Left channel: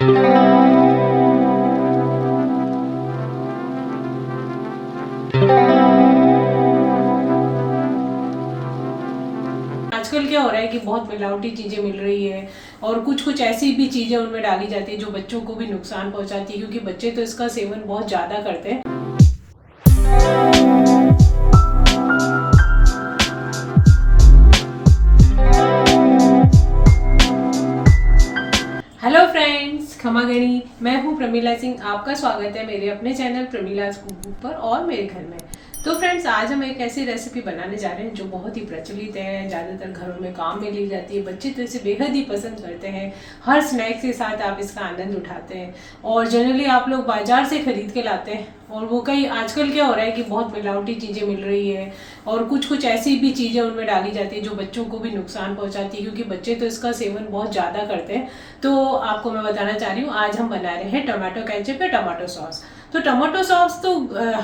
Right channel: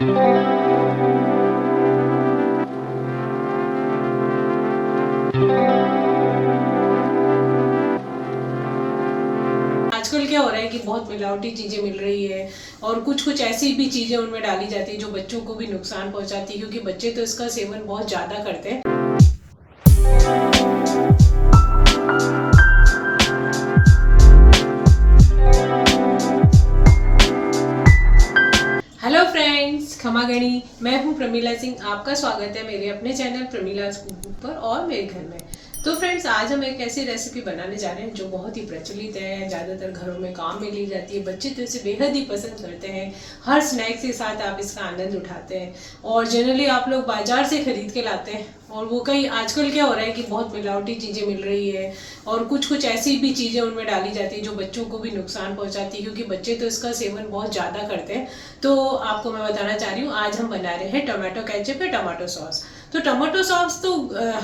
आजकल क्या हो रहा है कि बहुत मिलावटी चीज़ें मिल रही है और कुछ कुछ ऐसी भी चीज़ें उनमें डाली जाती है जो बच्चों को भी नुकसान पहुंचाती है, क्योंकि बच्चे तो इसका सेवन बहुत ज़्यादा करते हैं। हेलो फ्रेंड्स, खमा गणी। मैं हूँ प्रमीला सिंह। आपका स्वागत है मेरे अपने चैनल प्रमीलाज कुकबुक पर और मेरे घर में। तो फ्रेंड्स, आज हम एक ऐसी रेसिपी बनाने जा रहे हैं जो बहुत ही प्रचलित है, ज़्यादातर घरों में काम में ली जाती है। बच्चे तो इसे बेहद ही पसंद करते हैं। हर स्नैक्स के साथ आप इसका आनंद उठाते हैं और जनरली आप लोग बाजार से खरीद के लाते हैं। और वो कई आजकल क्या हो रहा है कि बहुत मिलावटी चीज़ें मिल रही है और कुछ कुछ ऐसी भी चीज़ें उनमें डाली जाती है जो बच्चों को भी नुकसान पहुंचाती है, क्योंकि बच्चे तो इसका सेवन बहुत ज़्यादा करते हैं। तो आपको मैं बताना चाह रही हूँ, आज हम बना रहे हैं टोमेटो केचप या टमाटो सॉस। तो टमाटो सॉस तो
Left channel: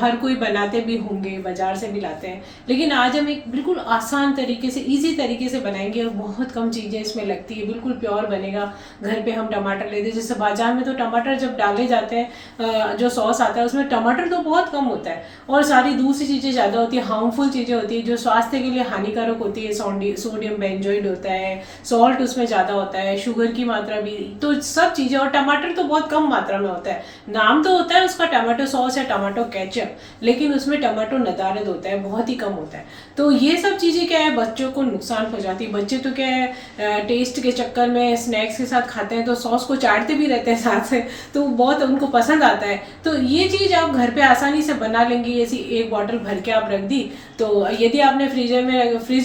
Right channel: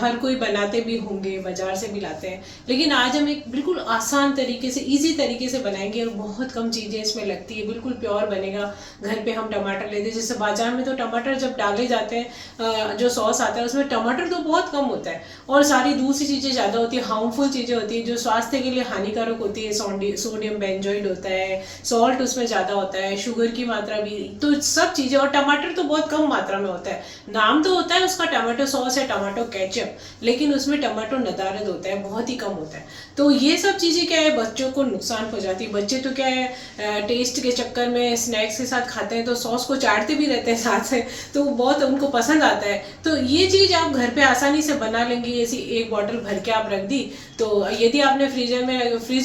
हर कोई बनाते भी होंगे, बाजार से भी लाते हैं, लेकिन आज हम एक बिल्कुल आसान तरीके से, इजी तरीके से बनाएंगे और बहुत कम चीज़ें इसमें लगती है, बिल्कुल प्योर बनेगा। घर पे हम टमाटर लेते हैं, जैसे बाजार में तो टमाटर जब डाले जाते हैं, जो सॉस आता है उसमें टमाटर तो बहुत कम होता है और सारी दूसरी चीज़ें ज़्यादा होती है, हार्मफुल चीज़ें होती है जो स्वास्थ्य के लिए हानिकारक होती है। सोडियम बेंजोइड होता है, सॉल्ट उसमें ज़्यादा होता है, शुगर की मात्रा भी, तो सब चीज़ें। और टमाटर तो बहुत कम मात्रा में होता है। नाम तो होता है उसका टमाटो सॉस या टमाटो केचप, लेकिन उसमें टमाटो नदारद होता है, बहुत ही कम होता है। तो ये सब चीज़ें क्या है, बच्चों को नुकसान पहुंचाती है। बच्चे तो क्या है, टेस्ट के चक्कर में स्नैक्स के साथ खाते हैं तो सॉस को चाटते भी रहते हैं साथ से, तो बहुत उनको पसंद आता है। तो ये चीज़ आप घर पे आसानी से बना लेंगे। ऐसी एक बॉटल भर के आप रख दी, तो यदि आपने फ्रिज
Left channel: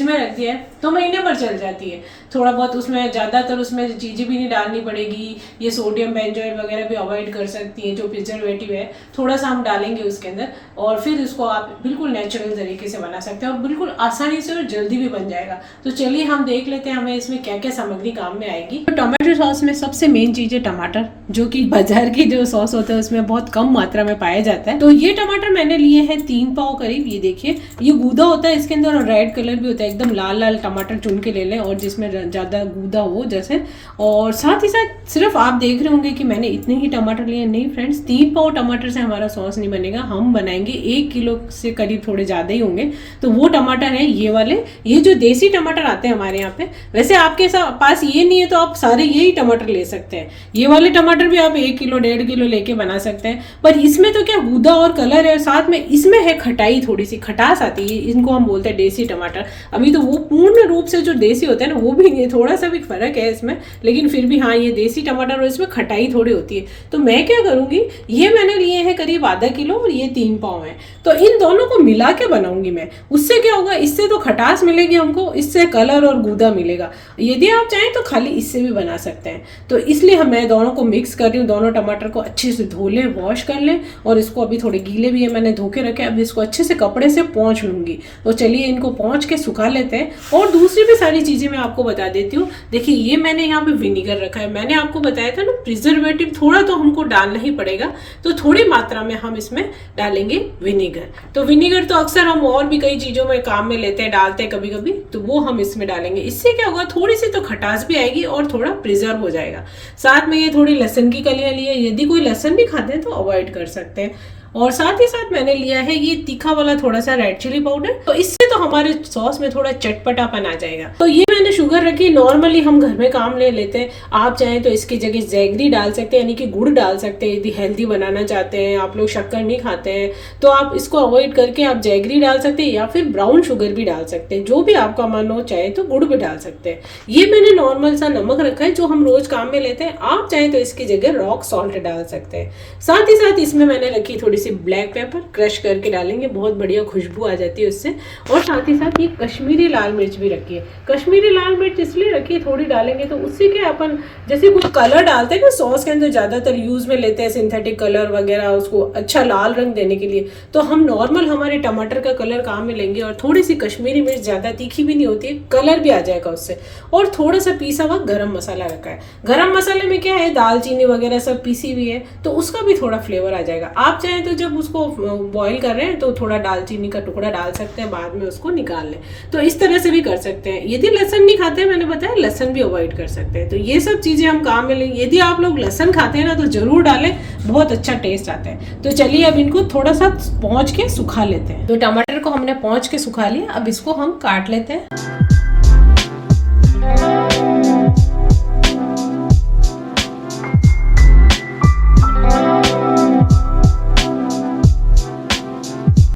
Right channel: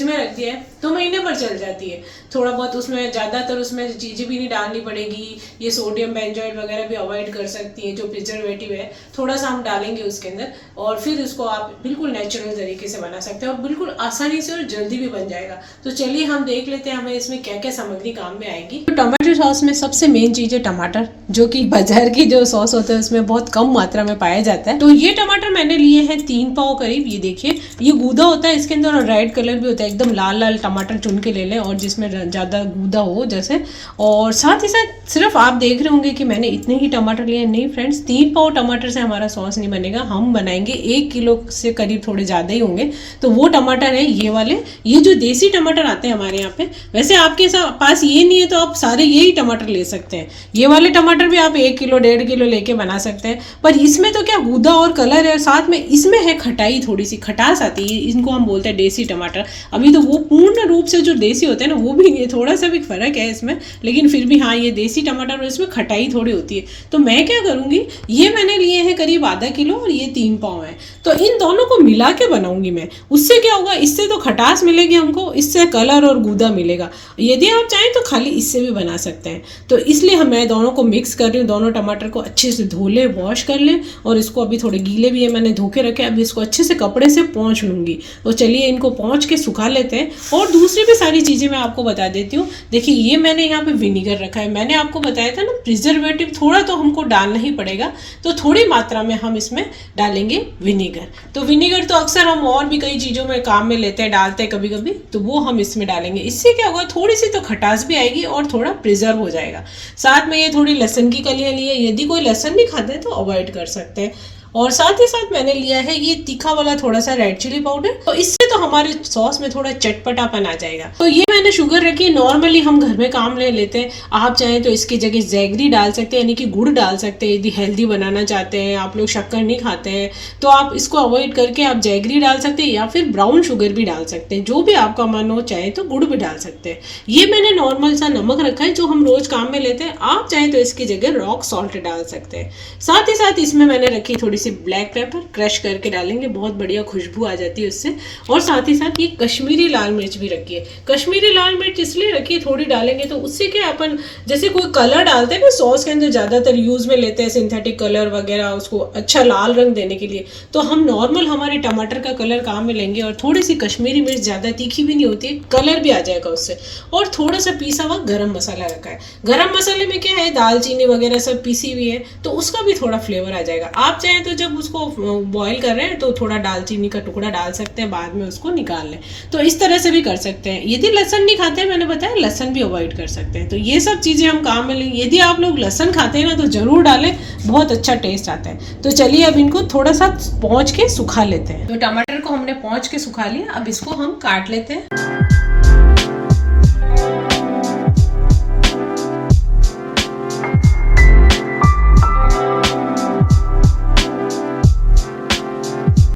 में रख दिया है तो महीने भर चल जाती है। थोड़ा बहुत उसमें, ज़्यादातर उसमें चीज़ें भी नहीं डालनी पड़ेगी। ये सोडियम बेंजोइड वगैरह भी अवॉइड कर सकती है, जो प्रिजर्वेटिव है थोड़ा सा हम डालेंगे उसके अंदर, और फिर इसको आप बिल्कुल नेचुरल तरीके से बना सकते हैं और बिल्कुल आसानी से और जल्दी भी बन जाएगा। तो चलिए हम देख लेते हैं हमें इसमें क्या क्या सामग्री काम में आएगी। तो टमाटो सॉस में सबसे मेन चीज़ है टमाटर, जो कि बाजार की जो सॉस होता है उसमें बहुत कम मात्रा में पाया जाता है। तो ये टमाटर मैंने लिए हैं 3 पाव करीब। ये देखिए, ये गूदा होता है इसके अंदर और रेड कलर भी होता है। एकदम लाल लाल टमाटर चुन के ले लें और जिसमें ज़्यादा गूदा हो जैसे। और साथ ही साथ सिर्फ आप देख रहे होंगे कि मैंने इतने ही टमाटर लिए, नहीं फ्रेंड्स, 3 पाव टमाटर से हमारा सॉस नहीं बनेगा। हम बनाएंगे 1 किलो से करीब, थोड़े ज़्यादा ही होंगे। तो वो टमाटर है ये वाले, ये जो देसी टमाटर आते हैं हमारे यहाँ पे। वैसे आपके पास ये नहीं है तो आप सारे यही टमाटर ले सकते हैं। ये वाले टमाटर भी आप 1 किलो 1.5 किलो लेके बना सकते हैं। पर इसमें तो क्या गूदा और कलर है, साथ में इसमें है खटाई, थोड़ी सी खटास आती है। इनको हम बोलते हैं देसी टमाटर। अभी तो वो पूर्ण रूप से जो देसी होता है ना, वो भी नहीं है, थोड़ा सा भी फर्क है इसमें, लेकिन फिर भी हाँ, ये देसी टमाटर और इसमें खटाई थोड़ी होती है। तो मैं क्या करूँगी, ये मैंने लिए हैं करीब आधा किलो और ये 3 पाव है, तो इन दोनों को मिला के बनाऊंगी मैं। उससे क्या होगा, इससे तो खटास मिलेगी हमको, इससे कलर और गूदा मिलेगा। यदि आप चाहें तो खाली इससे भी बना सकते हैं। तो इसलिए मैं दोनों को मिक्स कर रही हूँ। दोनों टमाटर को अच्छे से धो लें, वॉश कर लें, और इसको अभी थोड़े गीले भी है, मैंने धो के रखे। अब इसको अच्छे से कपड़े से पोंछ लूँगी। तो चलिए इनको पोंछ के सुखा लेते हैं। और दूसरी भी सारी चीज़ें मैं आपको बता देती हूँ। देखिए, ये मैंने यहाँ पे विनीगर रखा है। मैंने आपको बताया था ना, प्रिजर्वेटिव थोड़ा तो हमको डालना ही पड़ेगा, तो थोड़ी मात्रा में हम इसमें डालेंगे विनीगर। तो विनीगर तो अक्सर हम और भी कई चीज़ों में काम में लेते हैं, डालते हैं कभी कभी, तो वो हम इसमें डालेंगे। इससे क्या होगा, थोड़ी सी तो खटास भी आएगी और थोड़ा प्रिजर्व हो जाएगा। साथ में ये थोड़ी लहसुन की कलियां ली है, यदि कोई लहसुन नहीं खाते तो अवॉइड कर सकते हैं। और साथ ही साथ मैंने लिया है ये तीखा वाला थोड़ा सा रेड चिली पाउडर, तो इससे तो हमारे सॉस में थोड़ा चटपटापन आ जाएगा। तो ये मैंने शुगर रखी, नॉर्मली हम घर में काम ले लेते हैं। आप चाहें तो इसकी जगह जैगरी डाल सकते हैं, यानी कि गुड़ डाल सकते हैं। यदि हेल्दी बनाना चाहते हैं, आप लोग शक्कर नहीं खाते हैं, तो आप इसको अवॉइड करके आप जैगरी डाल सकते हैं या फिर ब्राउन शुगर भी डाल सकते हैं, जो भी आपका मन हो। चाहे तो गुड़ भी डाल सकते हैं। ये मैंने नॉर्मल सा नमक रखा है जो हम रोज काम में लेते हैं। आप चाहें तो इसकी जगह रॉक सॉल्ट डाल सकते हैं। साथ ही साथ इसमें मैंने रखी थोड़ी सी ब्लैक पेपर, क्रश करके डालेंगे, बहुत बढ़िया खुशबू आ जाती है उससे। और साथ ही साथ ये कश्मीरी लाल मिर्च भी रखी है। कश्मीरी लाल मिर्च इसलिए रखी है, थोड़ी डालेंगे तो उससे क्या, अपन जैसे कोई कलर डालते हैं ना सॉस के अंदर, ज़्यादातर यूज़ में लेते हैं सिंथेटिक कलर वगैरह, उसको अच्छा लाल रंग देने के लिए। तो हम नॉर्मल हमारे टमाटर का कलर काम में लेंगे और थोड़ी सी कश्मीरी मिर्च, ज़्यादा तीखी भी नहीं होती है, कलर भी आ जाएगा उससे। और थोड़ा सा पीसा हुआ गरम मसाला रखा है। गरम मसाले में क्या है, दालचीनी वगैरह सब पीसी हुई है, तो उसका भी थोड़ा फ्लेवर आ जाएगा। आप चाहें तो तो जब उसको बॉईल कर रहे हैं तो थोड़ा दालचीनी का टुकड़ा डाल सकते हैं, बाद में उसको निकाल लें। तो इस तरह से भी कर सकते हैं। यदि लहसुन नहीं खाते हैं, मैंने बताया लहसुन भी अवॉइड कर सकते हैं। तो ये सब चीज़ें हम काम में लेंगे। यदि आप लोग लहसुन खाते हैं ना तो ज़रूर डालें, बहुत अच्छा टेस्ट आता है। तो चलिए अब इनको थोड़ा सा पोंछ के सुखा लेते हैं। तो टमाटर को हमने पोंछ के सुखा लिया, अब इसको हम काट लेते हैं।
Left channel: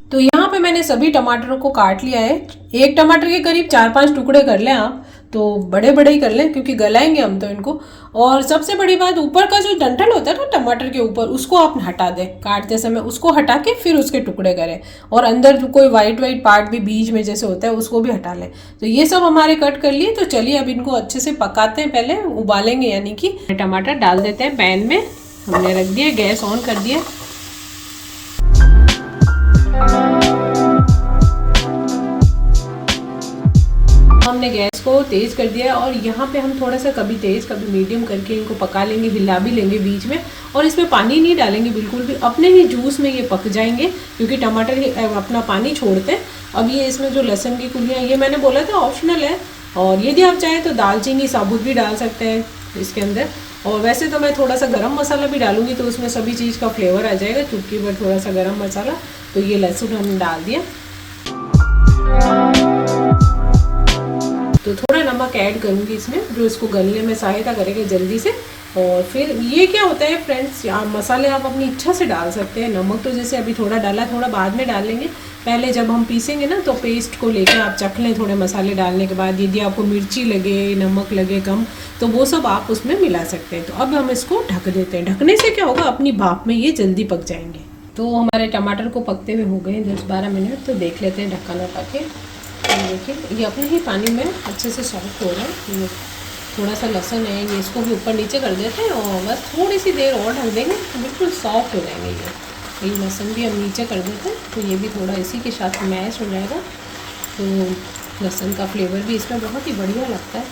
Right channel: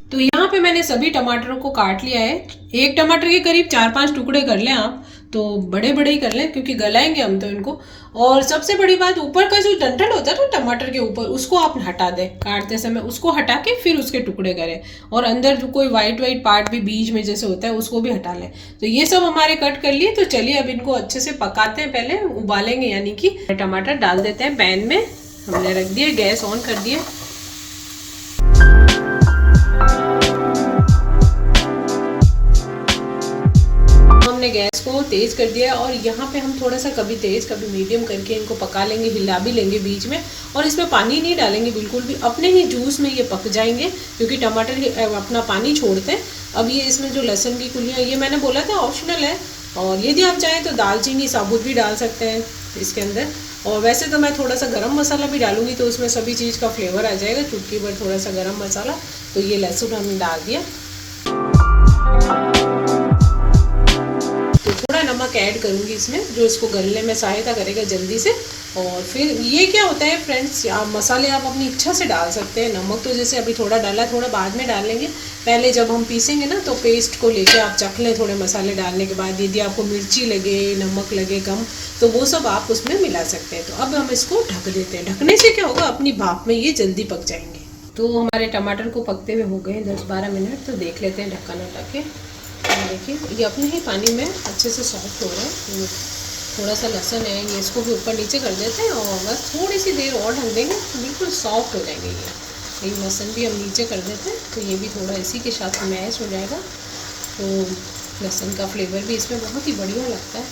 तो यहाँ पे मैंने सभी टमाटरों को काट लिया है। एक टमाटर के करीब 4-5 टुकड़े कर लें आप, तो बड़े बड़े ही कर लें क्योंकि गलाएंगे हम तो इनको। और सबसे बड़ी बात, ऊपर का जो डंठल होता है ना टमाटर के ऊपर, उसको आप हटा दें काटते समय, उसको हटा के फिर उसके टुकड़े करें। और अंदर जो कोई वाइट पार्ट भी बीच में जैसे होता है उसको भी हटा लें। तो ये सब हमारे कट कर लिए। तो चलिए अब इनको अच्छे से पकाते हैं, पहले उबालेंगे, यानी कि टमाटर डाल देते हैं पैन में। हमने रख दिया, गैस ऑन कर दिया। हमने गैस को तेज कर दिया और यहाँ पे हम थोड़ा सा कभी तेज कभी मीडियम करके इनको पका लेंगे, हिला भी लेंगे बीच में। और इसमें पानी नहीं डालेंगे बिल्कुल भी, अपने ही जूस में ये पक जाएंगे क्योंकि टमाटर अपना पानी छोड़ते हैं। अब ये इसमें जो लहसुन की कुलियाँ, ये मैंने बोला था ऑप्शनल है, और यदि आप चाहें तो दालचीनी साबुत भी डाल सकते हैं इसके अंदर। और वैसे तो मैं थोड़ा सा गरम मसाला भी डालूंगी तो उसमें सभी चीज़ का फ्लेवर आ जाएगा, चुटकी भर थोड़ा सा गरम मसाला। तो ये लहसुन हमने डाल दिया। तो थोड़ा नमक ऐड करूँगी इसमें, जो इसको गलने में सहायता करेगा जल्दी से। और फिर ये क्या होता है फ्रेंड्स, मसाले आप अपनी इच्छा से डाल सकते हैं। नमक तो जैसे अभी थोड़ा डाला, थोड़ा बाद में डाल लेंगे। पहले जब हम पीसेंगे ना तो पेस्ट को लेके आप चख लें थोड़े मसाले डालने के बाद। यदि आपको मिर्ची लगे, नमक लगे कम, तो वो सब आप उसमें मिला सकते हैं। तो अब हम इसको ढक देते हैं। ढकने से क्या होगा, अपनी भाप में ये जल्दी पक जाएंगे। तो हमारे टमाटर को पकते हुए हो गए 10-12 मिनट। तो देख लेते हैं ढक्कन हटा के। देखिए ये अपने ही पानी में अच्छे से सॉफ्ट हो रहा है। थोड़ा सा लहसुन है, ये इसको भी ऊपर नीचे कर देते हैं और बस थोड़ी सी देर और ढक देंगे तो बिल्कुल सॉफ्ट हो जाएंगे। ये लहसुन भी हम नीचे कर देते हैं तो ये भी थोड़ा इसी के साथ मैश हो जाएगा। तो लहसुन का फ्लेवर भी इसमें बहुत ही बढ़िया लगता है।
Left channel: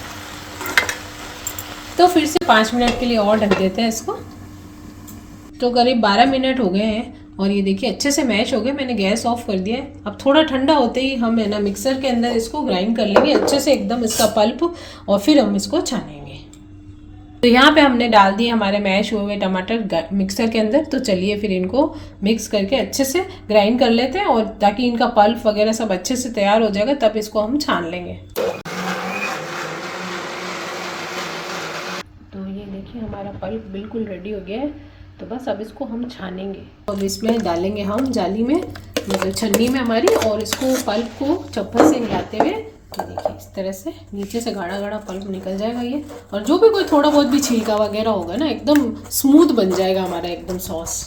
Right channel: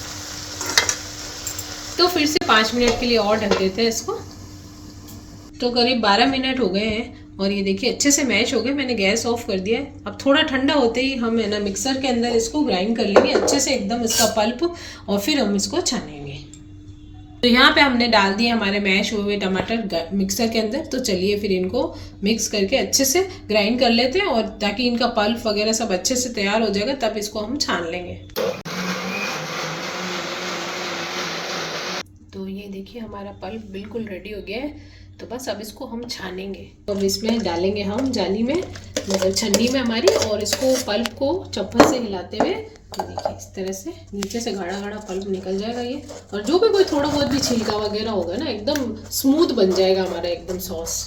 तो फिर से 5 मिनट के लिए और ढक देते हैं इसको। तो करीब 12 मिनट हो गए हैं और ये देखिए अच्छे से मैश हो गए। मैंने गैस ऑफ कर दिया है। अब थोड़ा ठंडा होते ही हम है ना मिक्सर के अंदर इसको ग्राइंड कर लेंगे अच्छे से एकदम इसका पल्प, और फिर हम इसको छानेंगे। तो यहाँ पे हमने डाल दिए हमारे मैश हुए हुए टमाटर मिक्सर के अंदर। तो चलिए फिर इनको मिक्स करके अच्छे से ग्राइंड कर लेते हैं, और ताकि इनका पल्प वगैरह सब अच्छे से तैयार हो जाएगा तब इसको हम छान लेंगे। तो ये देखिए हमारा पल्प बिल्कुल रेडी हो गया है। तो बस अब इसको हम छानेंगे। अब इसमें डालेंगे हम जाली में, मतलब छन्नी में हमारी, और इसको पल्प को चप्पल से हिलाते हुए, तो देखिए इस तरह से नीचे से गाढ़ा गाढ़ा पल्प निकल जाएगा ये। और जो भी कोई थोड़ा बहुत भी छिलका वगैरह होगा ना, एकदम स्मूथ बन जाएगा हमारा एकदम सॉस।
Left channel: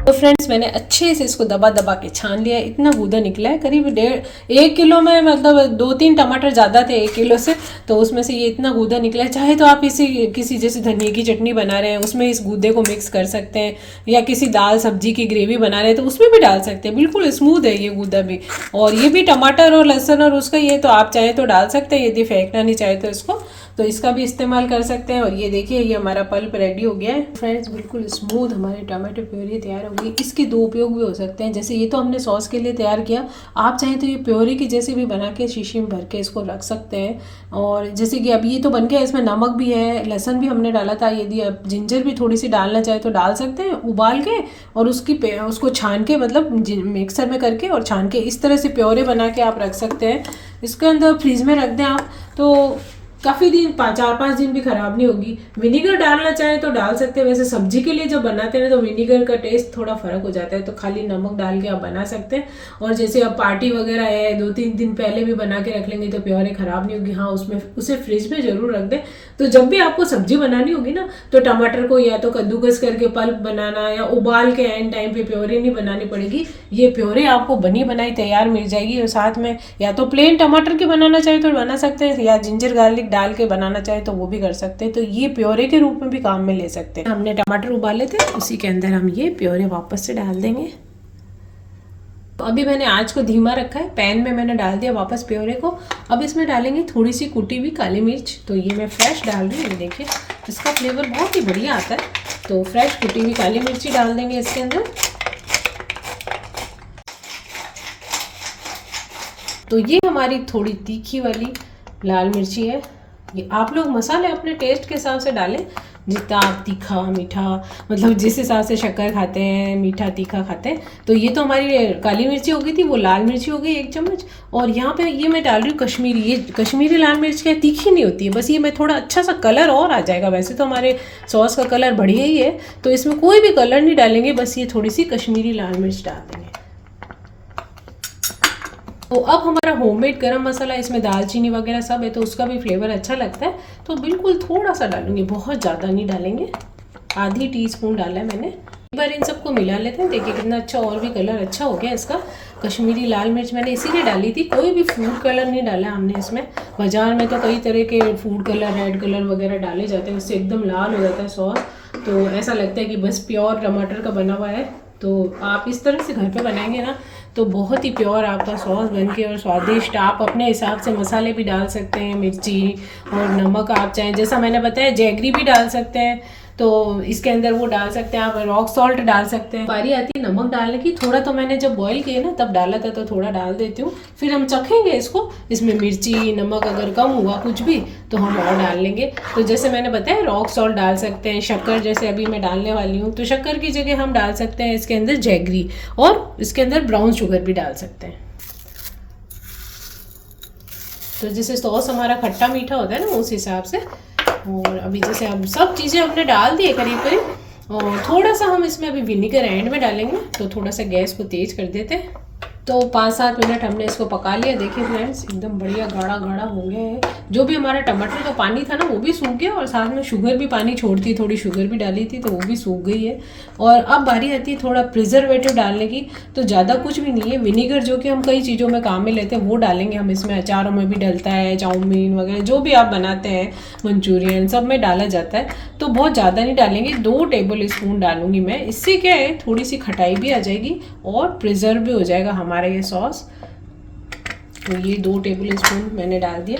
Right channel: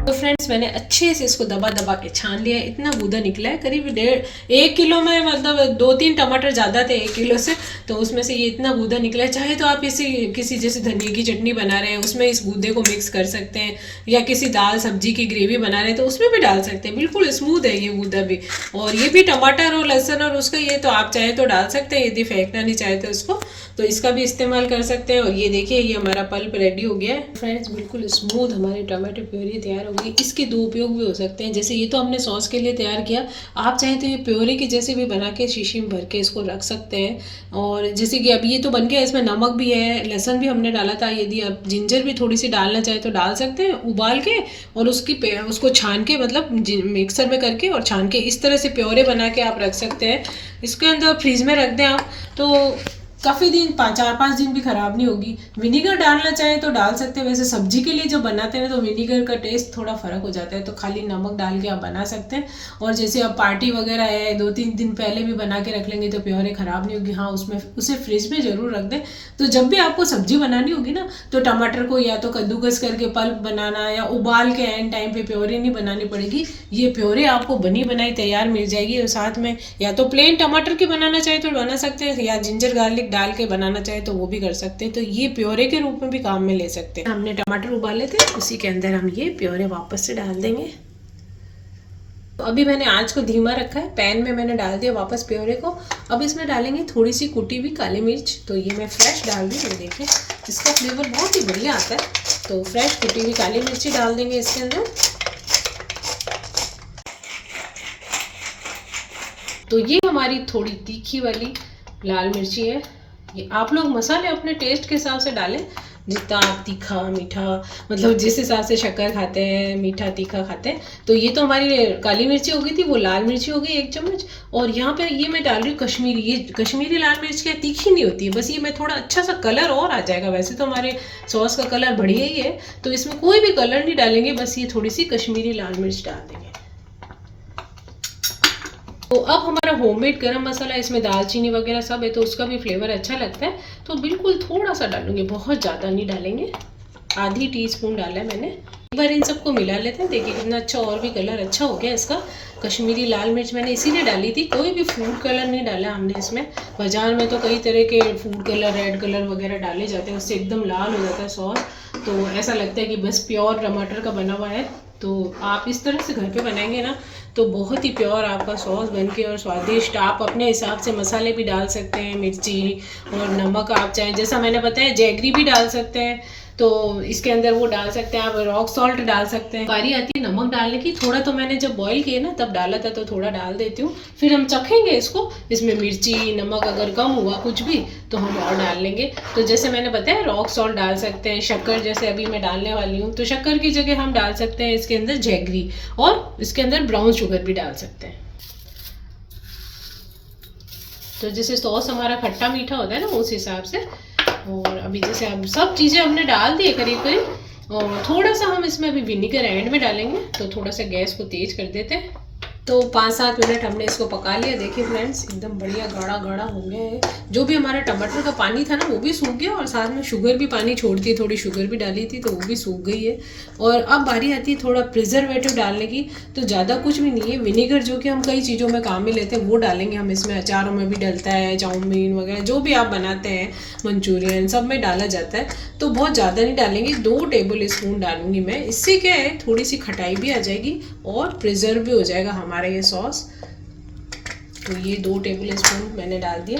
तो फ्रेंड्स मैंने अच्छे से इसको दबा दबा के छान लिया है। इतना गूदा निकला है, करीब 1 किलो में, मतलब 2-3 टमाटर ज़्यादा थे 1 किलो से, तो उसमें से ये इतना गूदा निकला है। चाहे तो आप इसी किसी जैसे धनिया की चटनी बना रहे हैं उसमें इस गूदे को मिक्स कर सकते हैं, या किसी दाल सब्जी की ग्रेवी बना रहे हैं तो उसमें भी डाल सकते हैं। बिल्कुल स्मूथ है ये गूदा भी। और ये भी टमाटर और लहसुन और उसका ये तो आप चाहे तो डाल सकते हैं, यदि फेंकना नहीं चाहे तो इसको, तो इसका भी इस्तेमाल कर सकते हैं। और ये देखिए ये हमारा पल्प रेडी हो गया है फ्रेंड्स, बिल्कुल स्मूथ हमारी टमाटो प्योरी तैयार होगी। इसके 2 उपयोग भी हो सकते हैं। जैसे ये तो हमने सॉस के लिए तैयार किया, आप चाहें तो ये प्योरी की जैसे भी बना के शीशी में भर के इसको रख सकते हैं। और जैसे कि अब ये तो बन गया, इसमें नमक भी है, लहसुन भी हमने डाला था। यदि आप जिंजर भी थोड़ी सी डालना चाहे तो डाल सकते हैं उबाल के, और उसको छान के, मतलब मिक्सर में करके और छान के इस तरह से प्योरे बना के आप रख सकते हैं। इसके अंदर फ्रीज में रख दें आप तो काफ़ी दिन 4-5 दिन भी ख़राब नहीं होगी। विनीगर डालना चाहें तो डाल सकते हैं। वैसे सब्जी के लिए जब बनाते हैं तो विनीगर का टेस्ट थोड़ा फ़र्क हो जाता है, तो खाली नमक डाल के आप बना सकते हैं। और जैसे अब पार्टी वगैरह है, 2-3 दिन पहले भी बना के रख लेंगे तो प्योरे ख़राब नहीं होगी। हाँ, उसमें उसे फ्रिज में ज़रूर रख दें। तो जब भी आपको सब्जी बनानी होगी ना, तो टमाटर को या तो कद्दूकस करके पल्प बनाना, या उबाल के एंड टाइम पे प्योरे नहीं बनानी पड़ेगी। ये प्योरे आपको बनी बनाई तैयार मिल जाएगी। और साथ में या तो प्लेन टमाटर की बनाना चाहे तो बना सकते हैं, या जिंजर गार्लिक डाल के बनाना चाहे तो वो भी कर सकते हैं। तो ये प्योरे के रूप में भी काम में ले सकते हैं। हमने टमाटर उबाले थे, उसी के अंदर हम ये प्योरे वापस से डाल देंगे। तो अभी मैंने आँच को धीमा रखा है, पैन में मैंने डाल दिया वापस प्योरे को। अब इसमें डालेंगे थोड़ी सी कुटी हुई काली मिर्च, तो ये मैं फ्रेश डाल रही हूँ। देखिए इसका फ्लेवर बहुत ही बढ़िया आता है, तो फ्रेश कुटी हुई काली मिर्ची डाल देंगे इसके अंदर। तो ये हमारी थोड़ी तीखी वाली लाल मिर्ची है। ये आप लोग मसाले अपने टेस्ट के हिसाब से डालें, जितना आप तीखा मीठा, मतलब जिस हिसाब से शक्कर खाते हैं, मीठा तीखा खाते हैं। तो ये तो हमारी काली मिर्ची हो गई थी, वो लाल मिर्ची हो गई 1 चम्मच। और यहाँ पे ये मैं डाल रही हूँ कश्मीरी। ये कश्मीरी लाल मिर्च क्या तीखी नहीं होती है, बस ये मैं थोड़ा अच्छा सा कलर और आ जाएगा। वैसे तो हमारे सॉस का कलर बढ़िया ही है, तो इसमें कोई भी कलर नहीं डालेंगे, बस ये थोड़ी सी कश्मीरी लाल मिर्च डाल देंगे। तो अब हमारा होममेड गरम मसाला, इसमें दालचीनी वगैरह सब है, तो उसका भी फ्लेवर अच्छा लगता है, तो बिल्कुल थोड़ा सा डालूंगी, बहुत ज़्यादा नहीं डालेंगे। आधी टीस्पून डाला है मैंने। एक बार इन सबको मिला लेते हैं। देखिए कितना अच्छा, और भी कलर अच्छा हो गया इसका। कश्मीरी लाल मिर्च मैंने इसीलिए डाली थी, कोई भी फूड कलर नहीं डाला हमने इसमें। बाजार में तो कई तरह के फूड कलर, रेड कलर वगैरह डाले जाते हैं, उससे एकदम लाल हो जाता है सॉस, तो ऐसा लगता है कि बस प्योर टमाटर का बना हुआ है। तो आप इस तरह से घर पे बनाएंगे ना, तो बहुत ही प्योर आपका सॉस बनके और स्वादिष्ट। आप अपने हिसाब से मसाले भी डाल सकते हैं, मिर्ची और नमक आप चाहें, जैसा मैंने बताया जैगरी भी डाल सकते हैं, तो इसके अंदर वो डाल सकते हैं। आप रॉक सॉल्ट डाल सकते हैं। बारी आती है नमक डालने की, थोड़ा तो मैंने जब बॉईल किए ना तब डाला था, तो थोड़ा डाल देती हूँ। फिर हम चखेंगे इसको, इसमें मिर्ची नमक अगर कम हुआ कुछ भी तो हम और डाल लेंगे। तो जैसे मैंने बताया रॉक सॉल्ट डाल सकते हैं, शक्कर जैसे अभी मैं डालने वाली हूँ, तो शक्कर की जगह हम डाल सकते हैं इसके अंदर जैगरी, और इसके अंदर ब्राउन शुगर भी डाल सकते हैं। तो जैसे सॉस हमारा खट्टा मीठा होता है ना, उस हिसाब से। और अभी जैसे अब सब चीज़ें हमने डाल दी है करीब करीब, और थोड़ा सा हम इसमें अभी विनीगर एंड में डालेंगे, तो थोड़ा सा गैस को तेज कर देते हैं। तो 5-7 मिनट हमने इसको पका लिया। देखिए फ्रेंड्स एकदम बढ़िया गाढ़ा गाढ़ा हो गया है। जो भी हमारा टमाटर का पानी था ना वो भी सूख गया, और साथ में शुगर भी पानी छोड़ती है, थोड़ी शुगर भी डाली थी तो वो भी सूख गई है। और अब बारी आती है थोड़ा प्रिजर्वेटिव डालने की, तो ज़्यादा कुछ भी नहीं है। विनीगर जो कि हम कई चीज़ों में काम में लेते हैं वो डालेंगे हम इसमें, अचारों में भी डलता है, चाउमीन वगैरह जो भी आप बनाते हैं, मंचूरियन सब में डाला जाता है। तो बहुत ज़्यादा नहीं डालेंगे, 2 टेबल स्पून डालूंगी मैं। इससे क्या है थोड़ी सी खटाई भी आ जाएगी और प्रिजर्व भी हो जाएगा हमारा ये सॉस। तो ये 2 टेबल स्पून मैंने डाल दिया,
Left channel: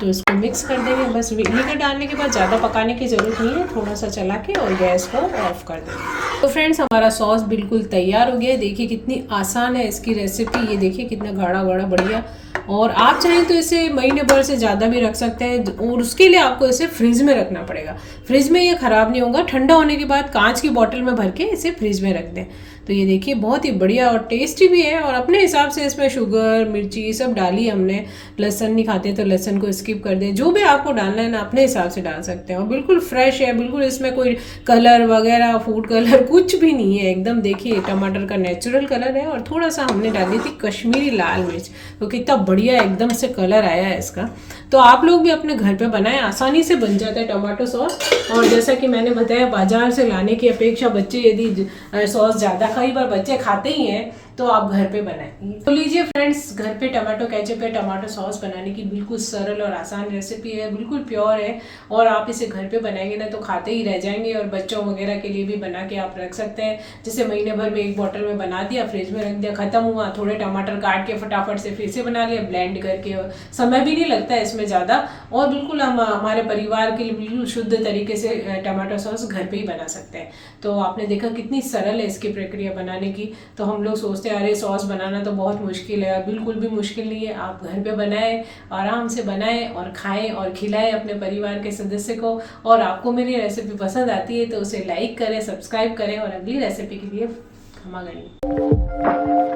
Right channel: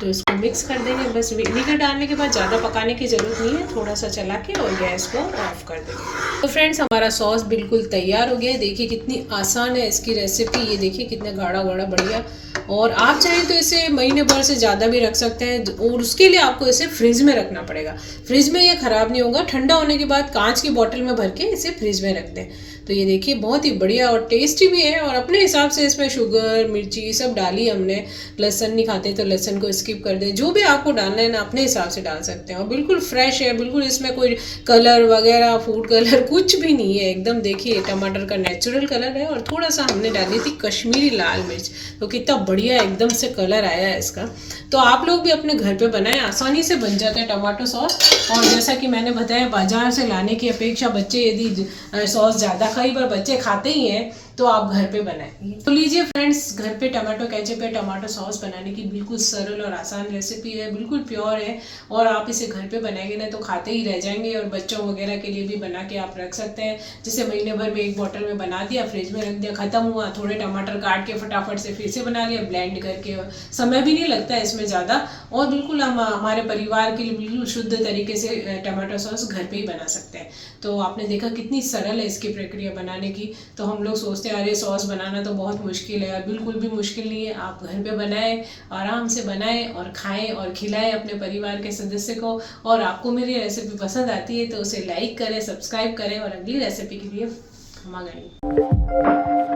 तो इसको मिक्स कर देंगे। बस विनीगर डालने के बाद ज़्यादा पकाने की ज़रूरत नहीं है, थोड़ा सा चला के और गैस को ऑफ कर देंगे। तो फ्रेंड्स हमारा सॉस बिल्कुल तैयार हो गया है। देखिए कितनी आसान है इसकी रेसिपी, ये देखिए कितना गाढ़ा गाढ़ा बढ़िया। और आप चाहें तो इसे महीने भर से ज़्यादा भी रख सकते हैं, और उसके लिए आपको इसे फ्रिज में रखना पड़ेगा। फ्रिज में ये ख़राब नहीं होगा, ठंडा होने के बाद कांच की बोतल में भर के इसे फ्रिज में रख दें। तो ये देखिए बहुत ही बढ़िया और टेस्टी भी है। और अपने हिसाब से इसमें शुगर मिर्ची सब डाली हमने। लहसुन नहीं खाते तो लहसुन को स्किप कर दें, जो भी आपको डालना है ना अपने हिसाब से डाल सकते हैं। और बिल्कुल फ्रेश है, बिल्कुल इसमें कोई कलर वगैरह फूड कलर कुछ भी नहीं है, एकदम देखिए टमाटर का नेचुरल कलर है। और थोड़ा सा हमने डाली थी कश्मीरी लाल मिर्च, तो कितना बढ़िया एकदम से कलर आया है इसका। तो आप लोग भी अपने घर पे बनाएं, आसानी से बन जाता है टमाटो सॉस। और जैसा कि मैंने बताया बाजार से लाने की अपेक्षा बच्चे यदि सॉस ज़्यादा, कई बार बच्चे खाते ही हैं, तो आप घर पे बनाएं। तो लीजिए फ्रेंड्स, घर पे टमाटो केचप है, टमाटो सॉस बनाने की बिल्कुल सरल और आसान रेसिपी है, बिल्कुल प्योर है। और आप इसे घर पे बनाएंगे ना तो खाते ही रह जाएंगे। और बच्चों वगैरह के लिए भी बना के आप रख सकते हैं। जैसे महीने भर में 1 बोतल में बना दिया, फ्रिज में रख दिया, खत्म हुआ, थोड़े टमाटर काट के फटाफट से फिर से बना लिया ब्लेंड करके। और समय भी नहीं लगता है इसमें ज़्यादा, और बिल्कुल हम हमारे परिवार के लिए बिल्कुल शुद्ध तरीके से टमाटो सॉस घर पे ही बना सकते हैं। तो आपने देखा कितनी सरल है इसकी प्रक्रिया बनाने की। तो हम लोग सोचते हैं अरे सॉस बनाना तो बहुत मुश्किल है, बिल्कुल भी मुश्किल नहीं है। आप घर पे बनाएं, आराम से बनाएं और खाएं और खिलाएं अपने परिवार के सदस्य को। और आपको मेरी रेसिपी पसंद आती है तो उसे लाइक करें, सब्सक्राइब करें, और अगली रेसिपी के लिए खमा गणी।